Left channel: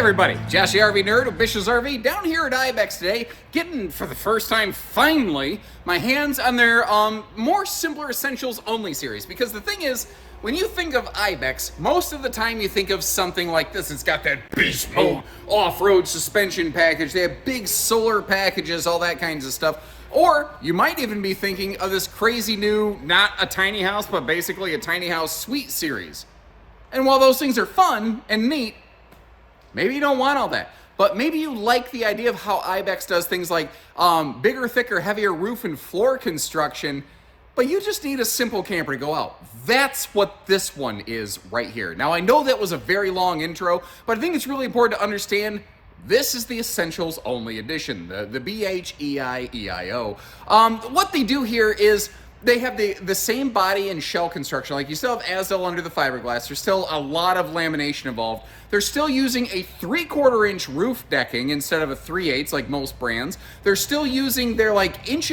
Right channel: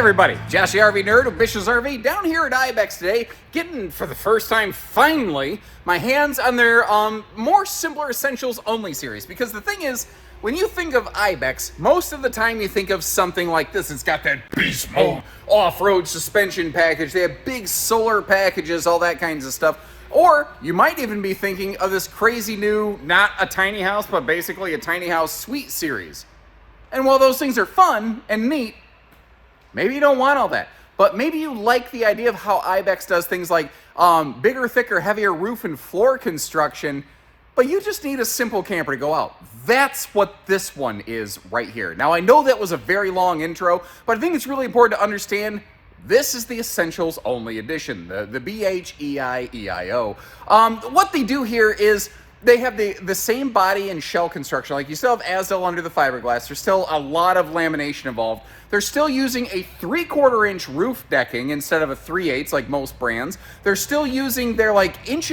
everybody, Josh the RV Nerd of Bish's RV down here at Ibex today, getting for the first time finally my hands on their more simpler essentials only series. Because the thing is, when you think of Ibex, most of the time you think of something like this. It's got that beast mode off-road suspension package. They have big solar packages, all that kinds of stuff. Or you might even be thinking of this crazy new, not a tiny house, but basically a tiny house suite series. And while those things are fun and neat, maybe you don't want all that, but maybe you like the idea of how Ibex does things like bigger, thicker, heavier roof and floor construction, but you just need a simple camper to go out. That's what this one is right here. Now, I know that was a very long intro, but I think it's really important to understand this is the Essentials Only Edition, the BHEO. What they do here is they have the same body and shell construction. Like, you still have Azdel under the fiberglass. There's still a lot of lamination involved. They're still using a 3/4 inch roof decking instead of a 3/8 like most brands. They're still using their 1.25 inch,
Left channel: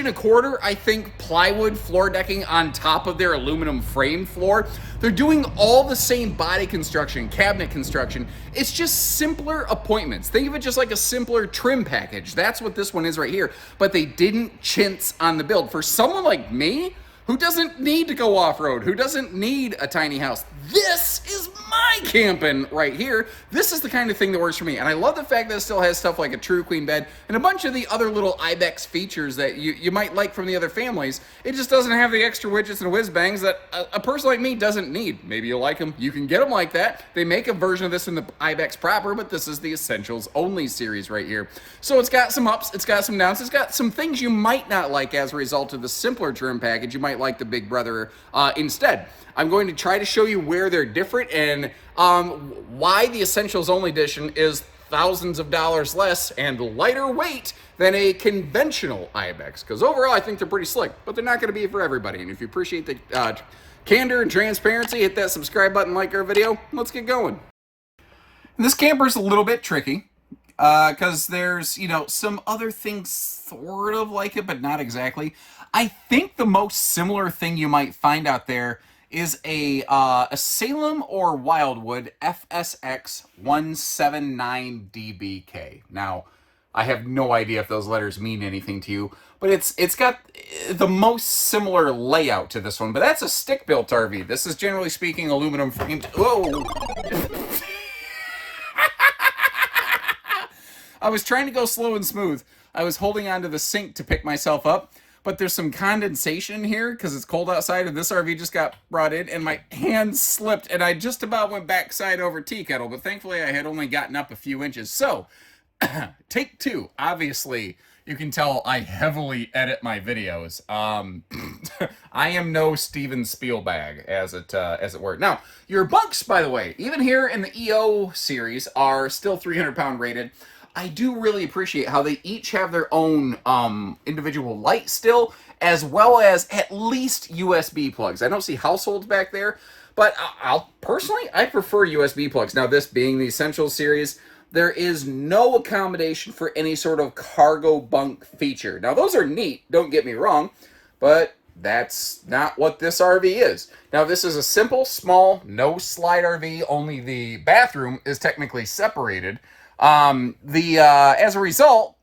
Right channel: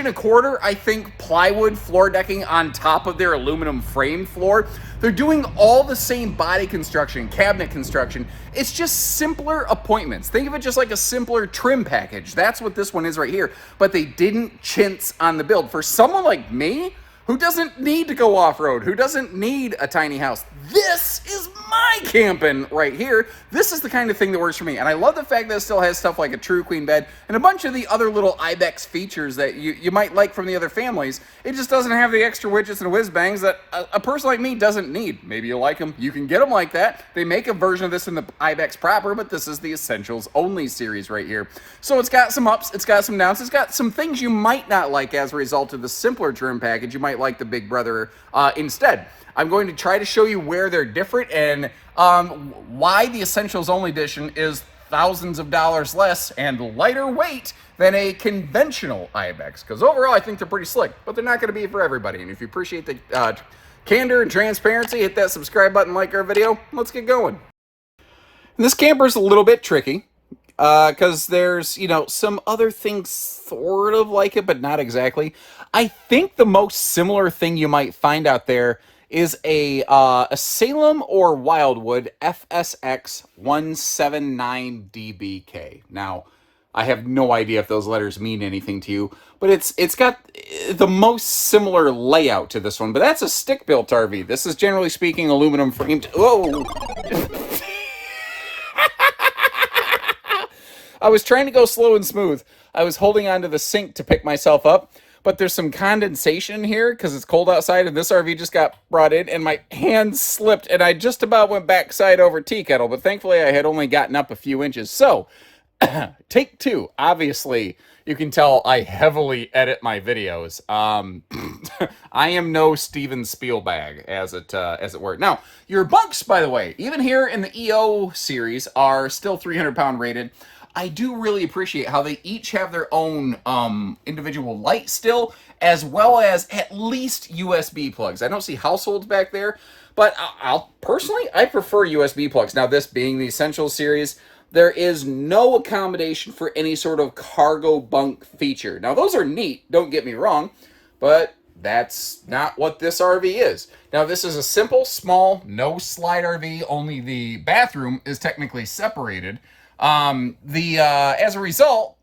I think, plywood floor decking on top of their aluminum frame floor. They're doing all the same body construction, cabinet construction. It's just simpler appointments. Think of it just like a simpler trim package. That's what this one is right here. But they didn't chintz on the build. For someone like me, who doesn't need to go off-road, who doesn't need a tiny house, this is my camping right here. This is the kind of thing that works for me. And I love the fact that it still has stuff like a true queen bed and a bunch of the other little Ibex features that you might like from the other families. It just doesn't have the extra widgets and whiz bangs that a person like me doesn't need. Maybe you'll like them. You can get them like that. They make a version of this in the Ibex proper, but this is the Essentials Only series right here. So it's got some ups, it's got some downs, it's got some things you might not like as a result of the simpler trim package. You might like the Big Brother instead. I'm going to try to show you where they're different and why the Essentials Only Edition is thousands of dollars less and lighter weight than a conventional Ibex. Because overall, I think they're pretty slick, but they're not going to be for everybody. And if you appreciate the candor and transparency, hit that subscribe button, like our video. Let's get going. And this camper's a little bit tricky because there's, some other things sort of like it, but not exactly. I think the most similar thing you might find out there is a Salem or Wildwood FSX 179DBK. Now, I have no idea if those letters mean anything to you, but it's got the most similar layout to this one. But that's a stick-built RV. This is, generally speaking, aluminum framed. Whoa! I was trying to go slow and smooth. I was holding onto the sink to pick myself up, but there's some condensation here because it's cold outside, and this RV just got brought in, and my hand slipped, and I just about went backside over tea kettle, but thankfully I had only gotten up a few inches. So, take two. Obviously, you can tell I heavily edit my videos. I am no Steven Spielberg, as it were. Now, your bunks, by the way, even here in the EO series, are still 300-pound rated. I do really appreciate how they each have their own individual light still, as well as at least USB plugs. I don't see households back there, but I prefer USB plugs. Now, this being the Essentials series, there is no accommodation for any sort of cargo bunk feature. Now, those are neat, don't get me wrong, but that's not what this RV is. Now, this is a simple, small, no slide RV, only the bathroom is technically separated. As a result,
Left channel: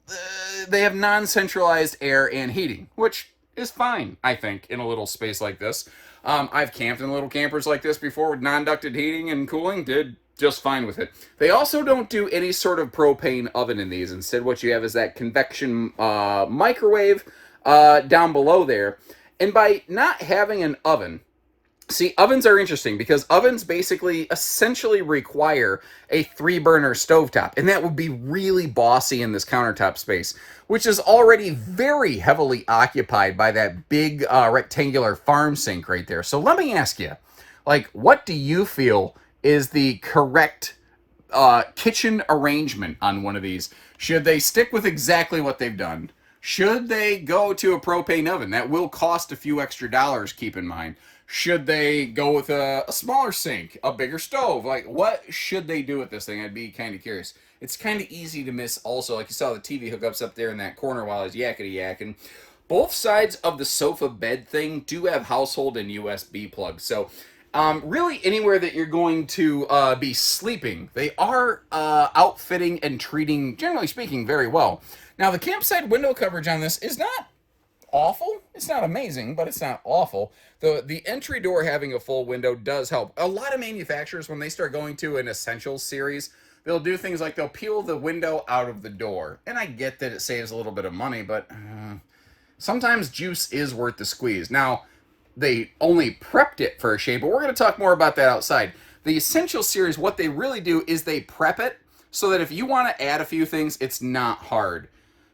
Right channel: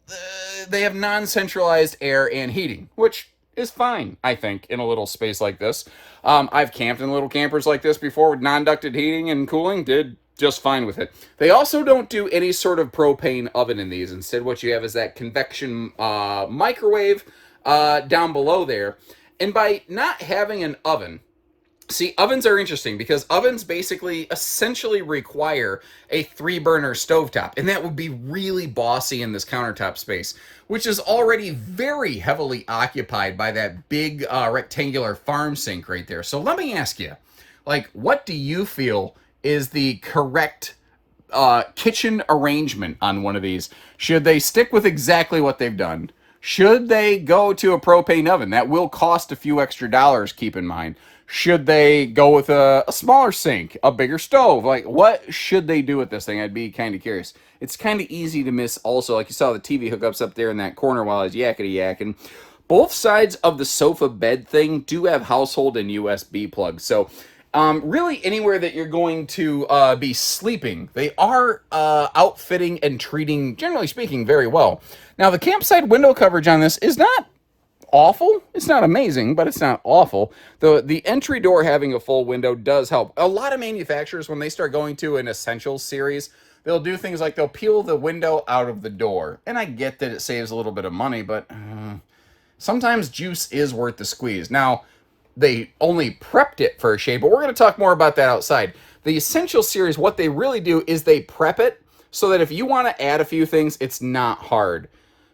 they have non-centralized air and heating, which is fine, I think, in a little space like this. I've camped in little campers like this before with non-ducted heating and cooling, did just fine with it. They also don't do any sort of propane oven in these. Instead, what you have is that convection microwave down below there. And by not having an oven, see, ovens are interesting because ovens basically essentially require a 3-burner stovetop, and that would be really bossy in this countertop space, which is already very heavily occupied by that big rectangular farm sink right there. So let me ask you, what do you feel is the correct kitchen arrangement on one of these? Should they stick with exactly what they've done? Should they go to a propane oven? That will cost a few extra dollars, keep in mind. Should they go with a smaller sink, a bigger stove? What should they do with this thing? I'd be kind of curious. It's kind of easy to miss also. Like you saw the TV hookups up there in that corner while I was yakety-yakking. Both sides of the sofa bed thing do have household and USB plugs. So really anywhere that you're going to be sleeping. They are outfitting and treating, generally speaking, very well. Now, the campsite window coverage on this is not awful. It's not amazing, but it's not awful. The entry door having a full window does help. A lot of manufacturers, when they start going to an Essentials series, they'll do things like they'll peel the window out of the door. And I get that it saves a little bit of money, but sometimes juice is worth the squeeze. Now, they only prepped it for a shade, but we're going to talk more about that outside. The Essential series, what they really do is they prep it so that if you want to add a few things, it's not hard.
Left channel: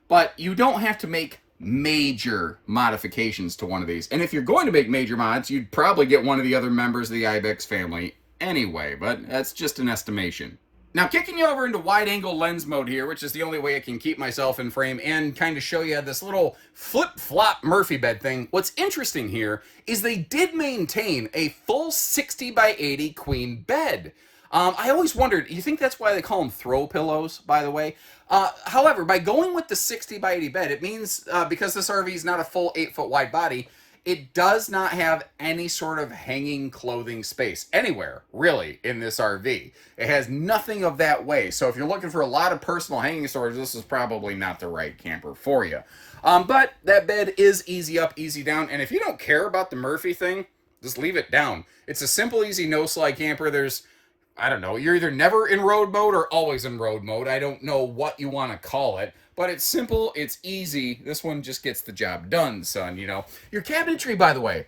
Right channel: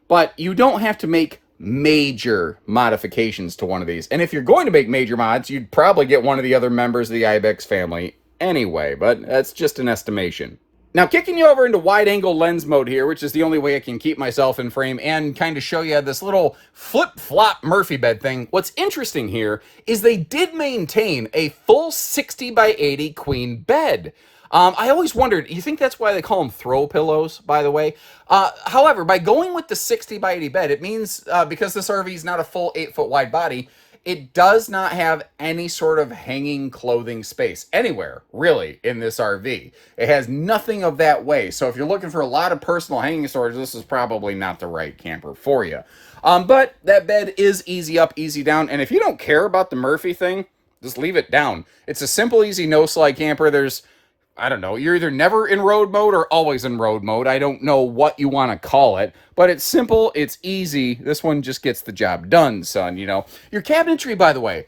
But you don't have to make major modifications to one of these. And if you're going to make major mods, you'd probably get one of the other members of the Ibex family anyway, but that's just an estimation. Now, kicking you over into wide-angle lens mode here, which is the only way I can keep myself in frame and kind of show you this little flip-flop Murphy bed thing. What's interesting here is they did maintain a full 60 by 80 queen bed. I always wondered, you think that's why they call them throw pillows, by the way? However, by going with the 60 by 80 bed, it means, because this RV is not a full 8-foot wide body, it does not have any sort of hanging clothing space anywhere, really, in this RV. It has nothing of that way. So if you're looking for a lot of personal hanging storage, this is probably not the right camper for you. But that bed is easy up, easy down. And if you don't care about the Murphy thing, just leave it down. It's a simple, easy, no-slide camper. There's, I don't know, you're either never in road mode or always in road mode. I don't know what you want to call it, but it's simple, it's easy. This one just gets the job done, son, you know. Your cabinetry, by the way,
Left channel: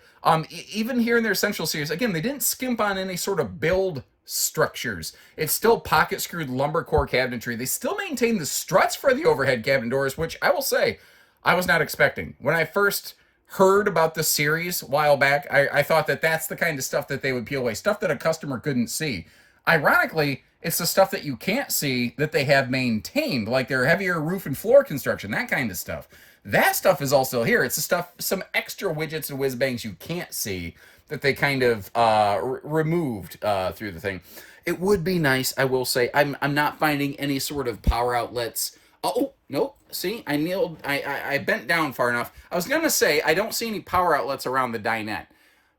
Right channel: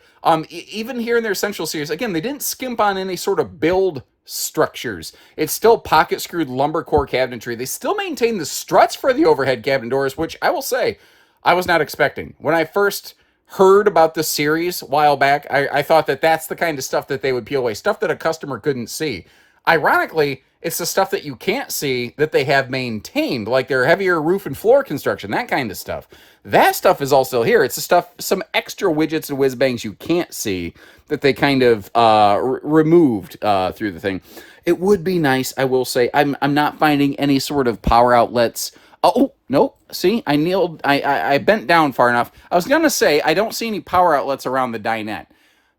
even here in their Essential series, again, they didn't skimp on any sort of build structures. It's still pocket screwed lumber core cabinetry. They still maintain the struts for the overhead cabinet doors, which I will say, I was not expecting. When I first heard about this series a while back, I thought that that's the kind of stuff that they would peel away, stuff that a customer couldn't see. Ironically, it's the stuff that you can't see that they have maintained, like their heavier roof and floor construction, that kind of stuff. That stuff is all still here. It's the stuff, some extra widgets and whiz bangs you can't see that they kind of removed through the thing. It would be nice, I will say. I'm not finding any sort of power outlets. Oh, no, see, I bent down far enough. I was going to say, I don't see any power outlets around the dinette.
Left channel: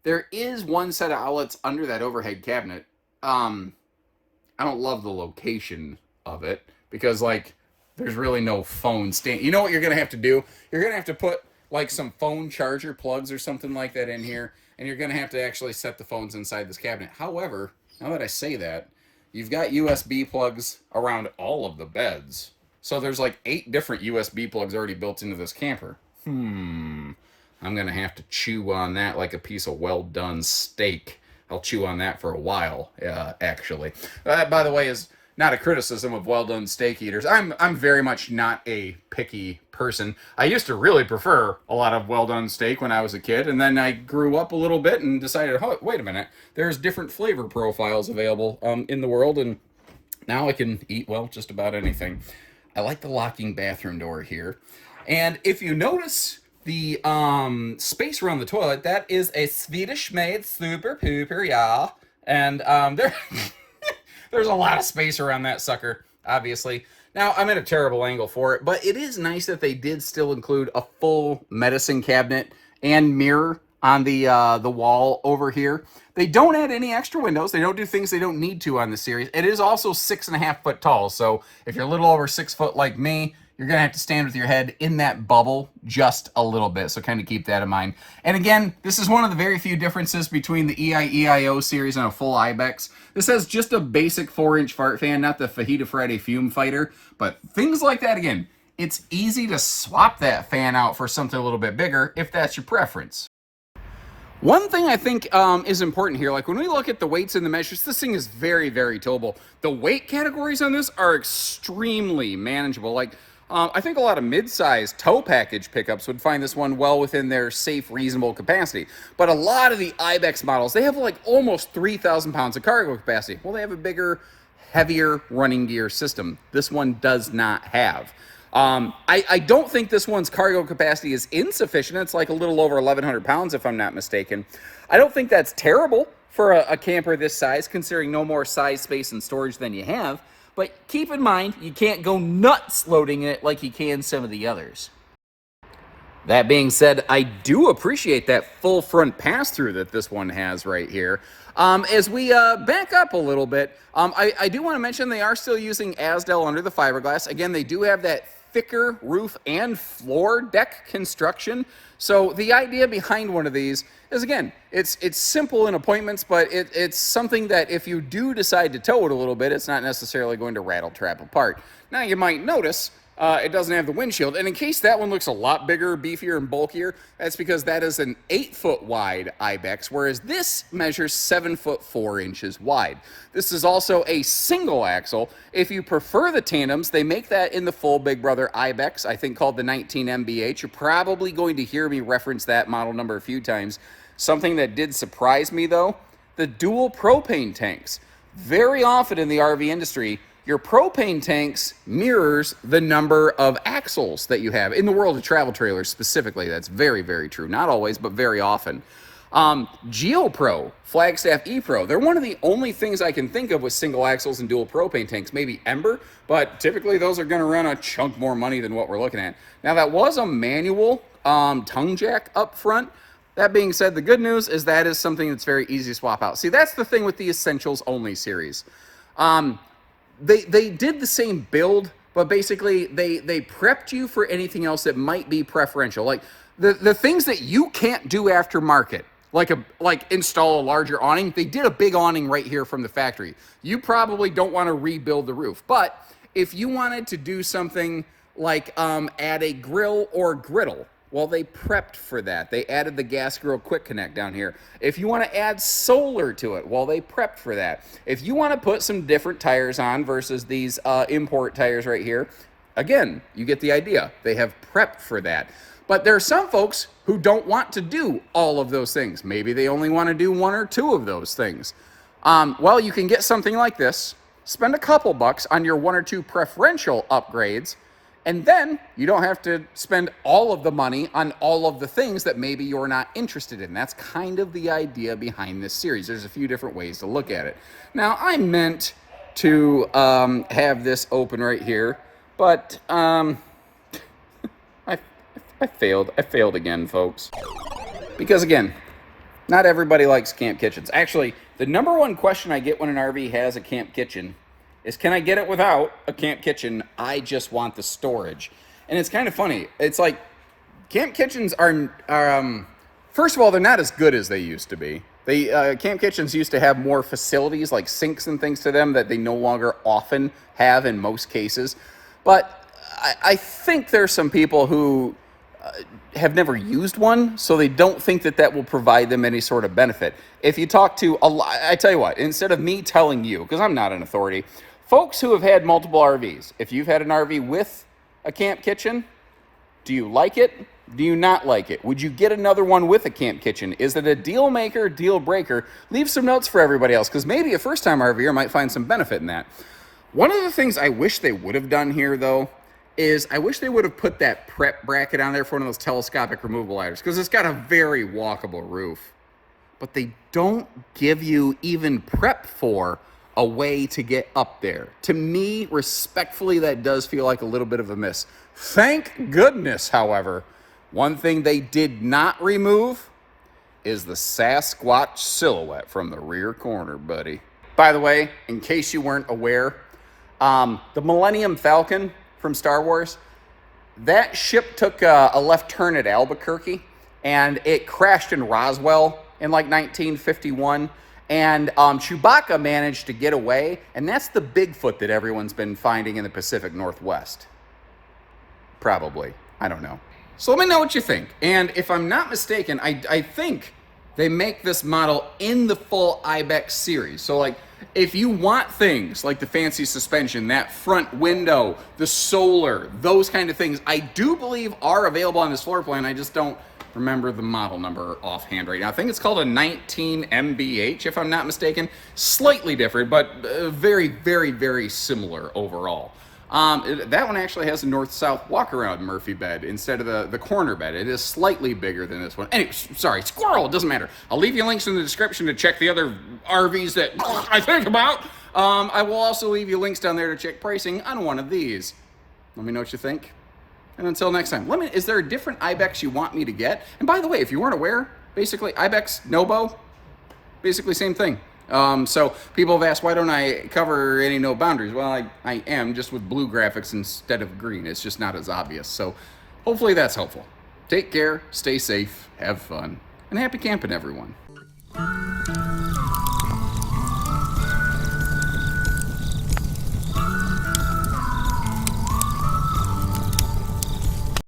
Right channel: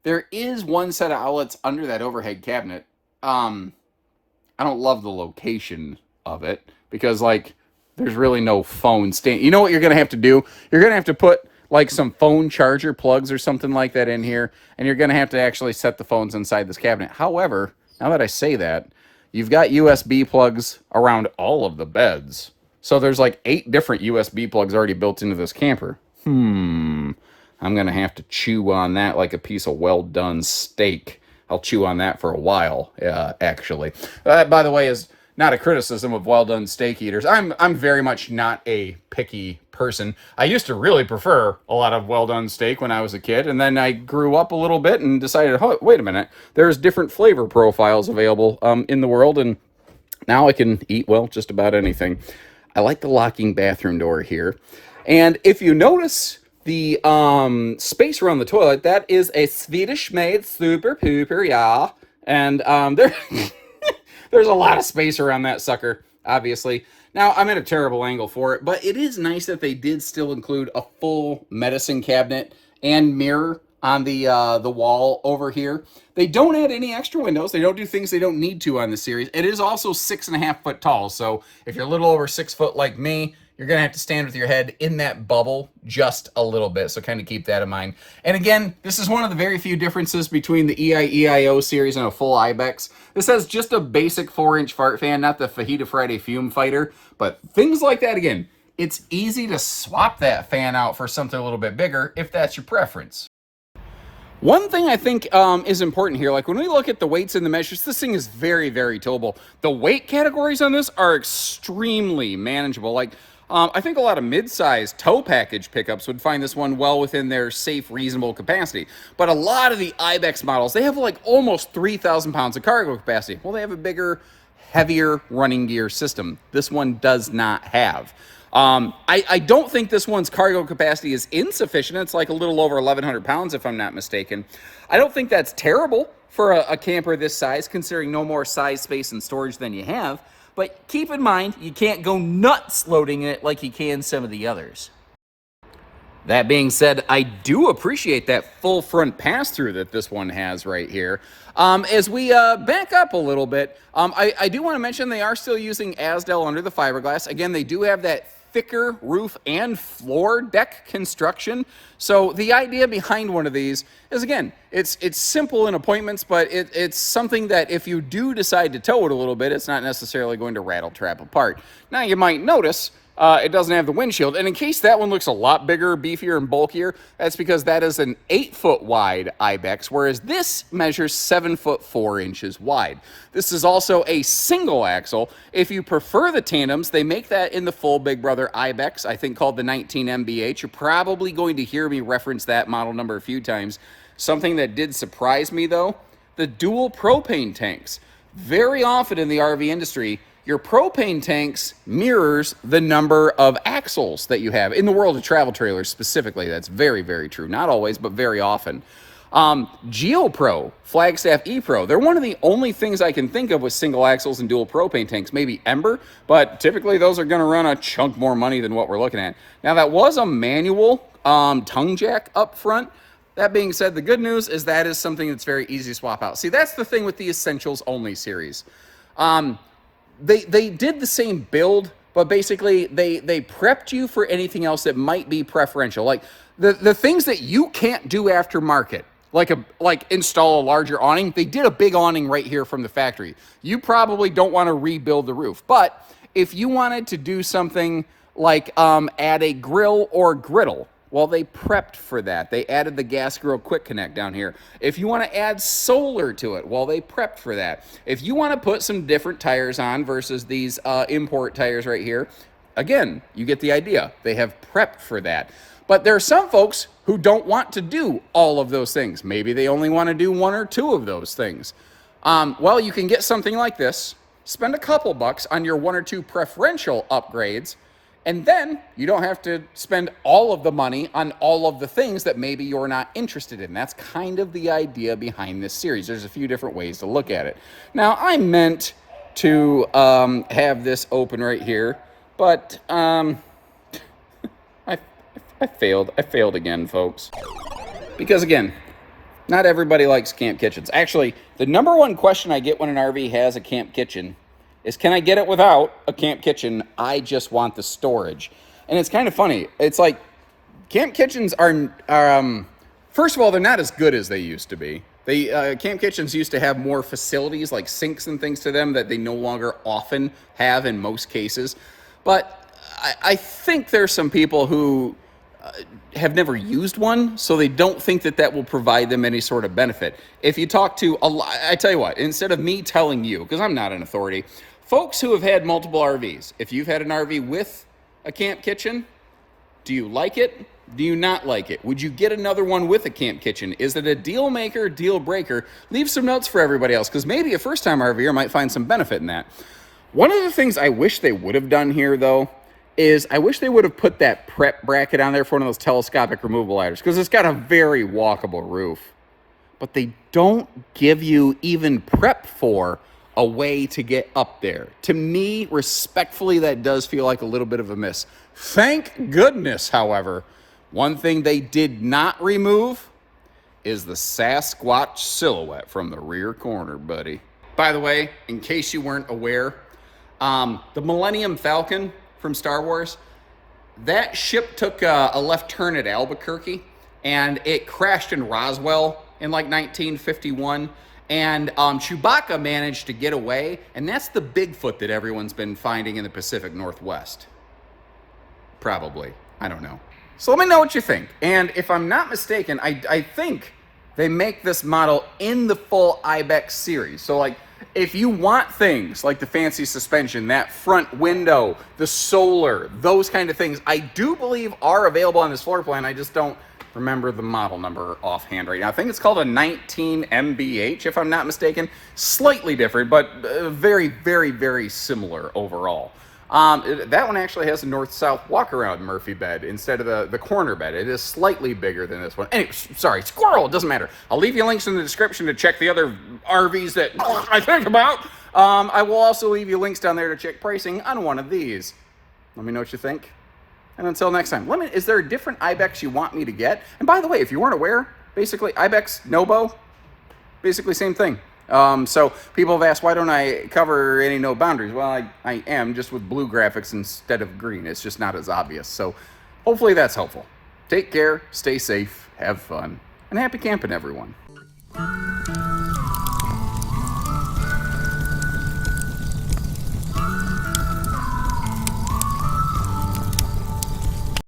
There is one set of outlets under that overhead cabinet. I don't love the location of it because, like, there's really no phone stand. You know what you're going to have to do? You're going to have to put, like, some phone charger plugs or something like that in here, and you're going to have to actually set the phones inside this cabinet. However, now that I say that, you've got USB plugs around all of the beds. So there's, like, 8 different USB plugs already built into this camper. I'm going to have to chew on that like a piece of well-done steak. I'll chew on that for a while, actually. By the way, is not a criticism of well-done steak eaters. I'm very much not a picky person. I used to really prefer a lot of well-done steak when I was a kid, and then I grew up a little bit and decided, oh, wait a minute, there's different flavor profiles available in the world, and now I can eat, well, just about anything. I like the locking bathroom door here. And if you notice the space around the toilet, that is a Swedish-made super pooper, yeah. And there's a lot of space around that sucker, obviously. Now, I'm at a terrible angle for it, but it is nice that they did still include a full medicine cabinet and mirror on the wall over here. They don't add any extra windows. They don't do things they don't need to on the series. It is also 6.5 foot tall, so if you're a little over 6 foot like me, you're going to have to stand with your head in that bubble just a little bit, so kind of keep that in mind. And again, this is one of the very few differences between the EIEIO series and a full Ibex. This has just a basic 4-inch fart fan, not the Fajita Friday fume fighter, but things like that, again, it's easy to swap that fan out for something a little bit bigger if that's your preference. One thing I think is important here, like when we look at the weights and the measures, this thing is very, very towable. The weight categories on this are extremely manageable. Like, I think a lot of mid-size tow package pickups would find this one well within their safe, reasonable capacity. But a lot of the Ibex models, they have like almost 3,000 pounds of cargo capacity. Well, they have a bigger, heavier running gear system. This one does not have. I don't think this one's cargo capacity is insufficient. It's like a little over 1,100 pounds, if I'm not mistaken. I don't think that's terrible for a camper this size, considering no more size, space, and storage than you have. But keep in mind, you can't go nuts loading it like you can some of the others. That being said, I do appreciate that full front pass-through that this one has right here. As we back up a little bit, I do want to mention they are still using Asdel under the fiberglass. Again, they do have that thicker roof and floor deck construction. So the idea behind one of these is, again, it's simple in appointments, but it's something that if you do decide to tow it a little bit, it's not necessarily going to rattle trap apart. Now, you might notice it doesn't have the windshield. And in case that one looks a lot bigger, beefier, and bulkier, that's because that is an 8-foot wide Ibex, whereas this measures 7 foot 4 inches wide. This is also a single axle. If you prefer the tandems, they make that in the full Big Brother Ibex, I think called the 19BHEO. You're probably going to hear me reference that model number a few times. Something that did surprise me, though, the dual propane tanks. Very often in the RV industry, your propane tanks mirrors the number of axles that you have. In the world of travel trailers specifically, that's very, very true. Not always, but very often. GeoPro, Flagstaff ePro, they're one of the only things I can think of with single axles and dual propane tanks. Maybe Ember, but typically those are going to run a chunk more money than what we're looking at. Now, that was a manual tongue jack up front. That being said, the good news is that is something that's very easy to swap out. See, that's the thing with the Essentials Only series. They did the same build, but basically they prepped you for anything else that might be preferential. Like the things that you can't do aftermarket, like install a larger awning. They did a big awning right here from the factory. You probably don't want to rebuild the roof, but if you wanted to do something like add a grill or griddle, well, they prepped for that. They added the gas grill quick connect down here. If you want to add solar to it, well, they prepped for that. If you want to put some different tires on versus these import tires right here, again, you get the idea. They have prepped for that. But there are some folks who don't want to do all of those things. Maybe they only want to do one or two of those things. Well, you can get something like this, spend a couple bucks on your one or two preferential upgrades, and then you don't have to spend all of the money on all of the things that maybe you're not interested in. That's kind of the idea behind this series. There's a few different ways to look at it. Now, I meant to have this open right here, but I failed. I failed again, folks. Because again, not everybody likes camp kitchens. Actually, the number one question I get when an RV has a camp kitchen is, can I get it without a camp kitchen? I just want the storage. And it's kind of funny. It's like camp kitchens are first of all, they're not as good as they used to be. Camp kitchens used to have more facilities like sinks and things to them that they no longer often have in most cases. But I think there's some people who have never used one, so they don't think that that will provide them any sort of benefit. If you talk to a lot, I tell you what, instead of me telling you, because I'm not an authority, folks who have had multiple RVs, if you've had an RV with a camp kitchen, do you like it? Do you not like it? Would you get another one with a camp kitchen? Is it a deal maker, deal breaker? Leave some notes for everybody else, because maybe a first-time RVer might find some benefit in that. One of the things I wish they would have done here, though, is I wish they would have put that prep bracket on there for one of those telescopic removable ladders, because it's got a very walkable roof. But they don't give you even prep for a way to get up there. To me, respectfully, that does feel like a little bit of a miss. Thank goodness, however, one thing they did not remove is the Sasquatch silhouette from the rear corner, buddy. By the way, in case you weren't aware, the Millennium Falcon from Star Wars, that ship took a left turn at Albuquerque, and it crashed in Roswell in like 1951, and Chewbacca managed to get away, and that's the Bigfoot that everyone's been finding in the Pacific Northwest. Probably. I don't know. So let me know what you think. And if I'm not mistaken, I think they make this model in the full Ibex series. So like, if you want things like the fancy suspension, that front window, the solar, those kind of things, I do believe are available on this floor plan. I just don't remember the model number offhand right now. I think it's called a 19BHEO, if I'm not mistaken. Slightly different, but very, very, very similar overall. That one actually has a north-south walk-around Murphy bed instead of the corner bed. It is slightly bigger than this one. Anyway, sorry, squirrel, it doesn't matter. I'll leave you links in the description to check the other RVs that I think about. I will also leave you links down there to check pricing on one of these. Let me know what you think. And until next time, let me, is there a different Ibex you want me to get? And by the way, if you weren't aware, basically Ibex, no bow, basically same thing. So people have asked, why don't I cover any no boundaries? Well, I am, just with blue graphics instead of green. It's just not as obvious. So hopefully that's helpful. Take care, stay safe, have fun, and happy camping, everyone.